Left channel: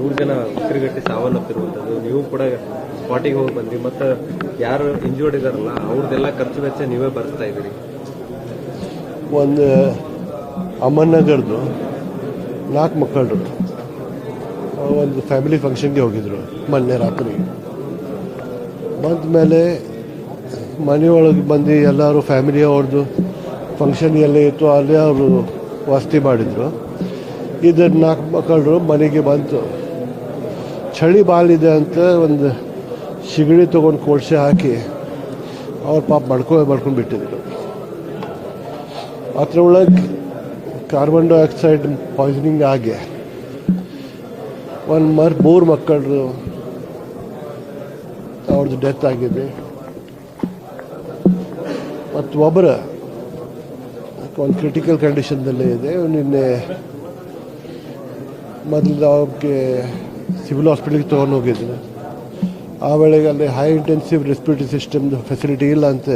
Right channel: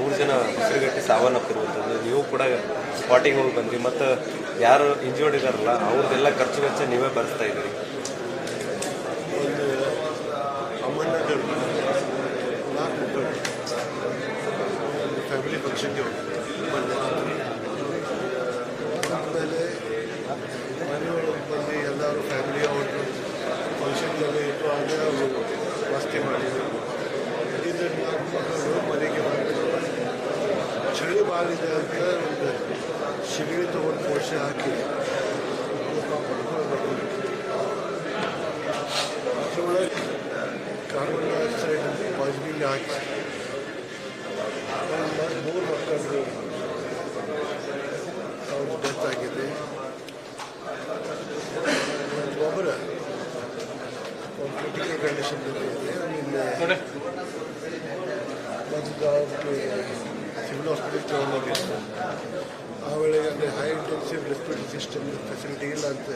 ಮೂರು ಜನ ಉಸಿರುಗಟ್ಟಿ ಸಾವನ್ನಪ್ಪಿರುವಂಥದ್ದು. ನೀವು ಕೂಡ ಸ್ಪಾಟಿಗೆ ಹೋಗಿ ಬಂದ್ರಿ. ಮತ್ತು ಯಾರು ಇಂಜೂರ್ಡ್ ಇದಾರಲ್ಲ ಅವ್ರದ್ದೆಲ್ಲ ಖರ್ಚು ವೆಚ್ಚ ನೀವೇ ಬರ್ತಾ ಇದ್ದೀರಿ. ಒಂದು ಅಮ್ಮನಗರ್ದು ನಾಲ್ಕು ಮಕ್ಕಳು ಒಂದು ಫ್ಯಾಮಿಲಿ ಫಂಕ್ಷನ್ಗೆ ಹೋಗಿದ್ರು ಮೊನ್ನೆ ರಾತ್ರಿ. ಬಂದ ಮೇಲೆ ಮನೆಯೊಳಗೆ ಬಂದು ಎಲ್ಲರೂ ಫ್ಯಾಮಿಲಿ ಅವ್ರದ್ದು ಫಂಕ್ಷನ್ ಎಲ್ಲ ಇತ್ತು, ಅಲ್ಲೇ ಅವರು ವಾಸ್ತಿ ಮಾಡಿದ್ರು. ಇದನ್ನು ನಾಲ್ಕು ಮಕ್ಕಳು ಮನೆಗೆ ಬಂತು. ಚಳಿ ಬಾಳಿದೆ ಅಂತ ಒಂದು ಸಿಗಡಿ ತೊಗೊಂಡು ಕೋಡ್ಸೆ ಹಾಕಿ ಅವ್ರ ಪಾಪ ಮಾಡ್ಕೊ, ಮಾಡ್ಕೊಂಡ್ಬಿಟ್ಟಿದ್ರು. ಅದ್ರೊಳಗೆ ಕಾರ್ಬನ್ ಡೈಆಕ್ಸೈಡ್ ಪಾಯ್ಸನಿಂಗ್ ಆಗಿ ಒಂದು ಮರ್ ಮೂರು ಮಕ್ಕಳು ಅವ್ರದ್ದು ಡೆತ್ ಆಗಿದೆ. ಮತ್ತು ಒಬ್ಬರ ಒಂದು ಕ್ರಿಟಿಕಲ್ ಕಂಡೀಷನ್ದಲ್ಲೇ ಇದೆ. ನಿನ್ನೆ ಮೊದಲು ಅವ್ರಿಗೆ ಸಿವಿಲ್ ಹಾಸ್ಪಿಟಲ್ಗೆ ತೊಗೊಂಡು ಹೋಗಿದ್ರು ಆ ವೇಳೆಗೆ ಅಲ್ಲಿ high intensive respiratory system facility ಇಲ್ಲ ಅಂತ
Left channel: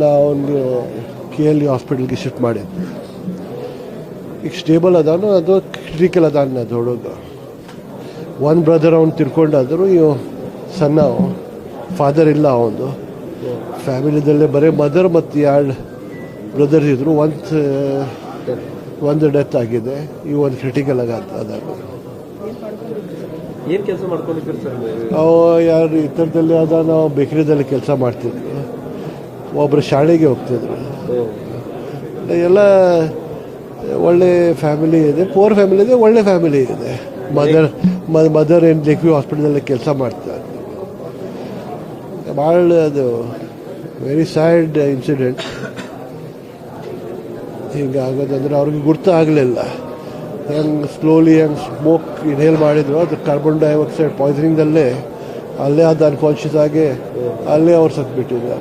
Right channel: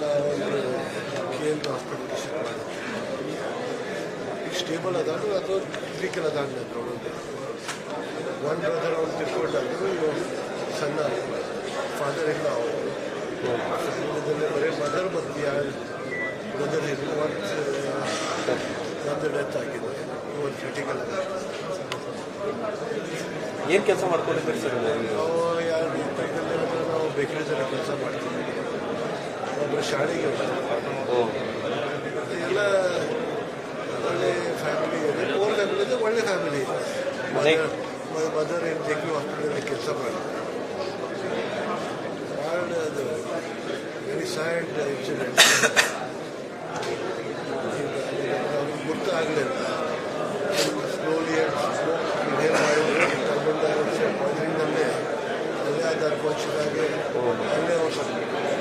ನಾವು ಒಂದು ಕೆ ಎಲ್ ಯು ಹಾಸ್ಪಿಟಲ್ಗೆ ಶಿಫ್ಟ್ ಮಾಡಿದ್ವಿ. ಈಗ ಸ್ಟೇಬಲ್ ಅದಾನು, ಅದು ಕ್ರಿಟಿಕಲ್ ಅದಾನ ಅದು ಒನ್ ಬ್ರದರ್ ಅವ್ನು ತಿರ್ಕೊಂಡಾದ್ರು ಇವು ಸಣ್ಣ ಫಾದರ್ ಇಲ್ಲ ಅವನು. ಫ್ಯಾಮಿಲಿದಲ್ಲೇ ಬರೀ ಮದರ್ ಮತ್ತು ಎರಡು ಬ್ರದರ್ಸ್ ಇದ್ದರು ಒಂದು ಒಂದು ಡೆತ್ ಆಗಿದೆ ಇವೊಂದು ಕ್ರಿಟಿಕಲ್ ಆಗ ಏನು ಕೆಲಸ ಮಾಡ್ಕೊಂಡಿದ್ದೀರಿ ಸರ್ ನಾವು ಯಾರು ಇತರದಲ್ಲಿ ಅದ ನಾವು ಬೇಕರಿದಲ್ಲಿ ಕೆಲಸ ಮಾಡ್ತೀವಿ. ಒಬ್ಬರು ಶಾಲೆಗೆ ಹೋಗ್ತೀವಿ. ಎಲ್ಲ ಒಳ್ಳೆ ಫ್ಯಾಮಿಲಿ ಇದೆ. ಪೋರ್ ಫ್ಯಾಮಿಲಿ ಇದೆ ಒಳ್ಳೆ ಫ್ಯಾಮಿಲಿ ಇದೆ. ಮದರ್ ಮದರ್ ಏನು ಜೆ ಕ್ಯೂ ಹಾಸ್ಪಿಟಲಲ್ಲಿ ಕೆಲಸ ಮಾಡ್ತಾರೆ. ಭಾಳ ಅದು ವೆರಿ ಸ್ಯಾಡ್ ಇನ್ಸಿಡೆಂಟ್. ಹೀಗಾಗೋದಂದ್ರೆ ಅವ್ರಿಗೆ ಗುರ್ತು ಆಗಲಿಲ್ಲ. ಏನು ಸ್ಲೋಲಿ ಆ್ಯಂಡ್ ಸ್ಮೋಕ್ ಇನ್ಹೇಲ್ ಮಾಡಿದರೆ. ಅದು ಕಾರ್ಬನ್ ಡೈಆಕ್ಸೈಡ್ ಪಾಯ್ಸನಿಂಗಲ್ಲೇ ಅಲ್ಲೇ ಅದು ಅನ್ಕಾನ್ಷಿಯಸ್ ಆಗಿ ಅಲ್ಲೇ ಅವ್ರು ಸತ್ಬಿಟ್ಟಿದ್ದಾರೆ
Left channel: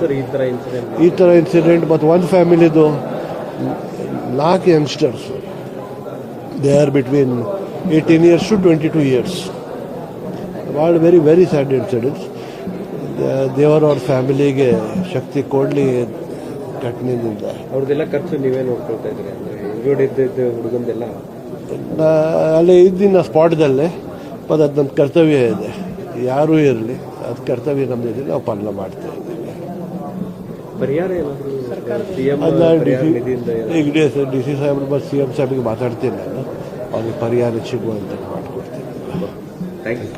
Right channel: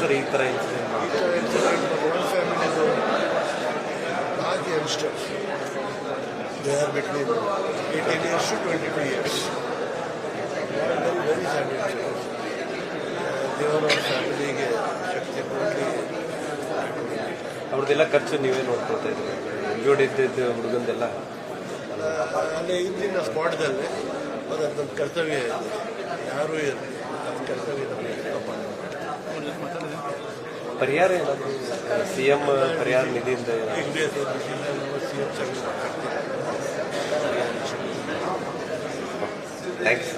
ಸರ್ ಈ ಥರ ಇನ್ಸಿಡೆಂಟ್ ಮತ್ತು ಒಂದು ಫ್ಯಾಮಿಲಿದು ನಾಲ್ಕು youngsters they are between eighteen years to twenty two years ಭಾಳ ವೆರಿ ವೆರಿ ಸ್ಯಾಡ್ ಇನ್ಸಿಡೆಂಟ್ಸ್ ದೇವರ ಅವ್ರ ಫ್ಯಾಮಿಲಿಗೆ ಶಕ್ತಿ ಕೊಡಲಿ ಕಟ್ಮಿಂದ ಅವ್ರಿಗೆಲ್ಲ ಖರ್ಚು ನೀವೇ ನೋಡ್ಕೊಳ್ತಾ ಇದ್ದೀರಿ? ಇಂಜೂರ್ಡ್ ಇದ್ದಿದ್ದು ಹುಡುಗಂದೆಲ್ಲ? ನಾ ಅಲ್ಲೇ ಇದ್ದೀನಿ ಸ್ಪಾಟ್ದಲ್ಲೇ ಮತ್ತು ಅದು ನಮ್ಮ ಕರ್ತವ್ಯ ಇದೆ. ಯಾರೂ ಇರಲಿ ಅದು ಕರ್ತವ್ಯ ನಮಗೆ ನಾವು ಪಾಲನೆ ಮಾಡ್ತೇವೆ. ಪರಿಹಾರ ಏನಾದರೂ ಸಿ ಎಂ ಅಲ್ಲ ಪರಿಹಾರ ನಿಧಿಯಿಂದ ಈಗ ಡಿ ಸಿ ಸಾಹೇಬ್ ಮತ್ತು ಸಿ ಎಂ ಸಾಹೇಬ್ಗೆ ಮಾತಾಡ್ತೀನಿ. ಅವ್ರಿಗೆ ಪರಿಹಾರ ಸಿಗುವಂತ. ಥ್ಯಾಂಕ್ಸ್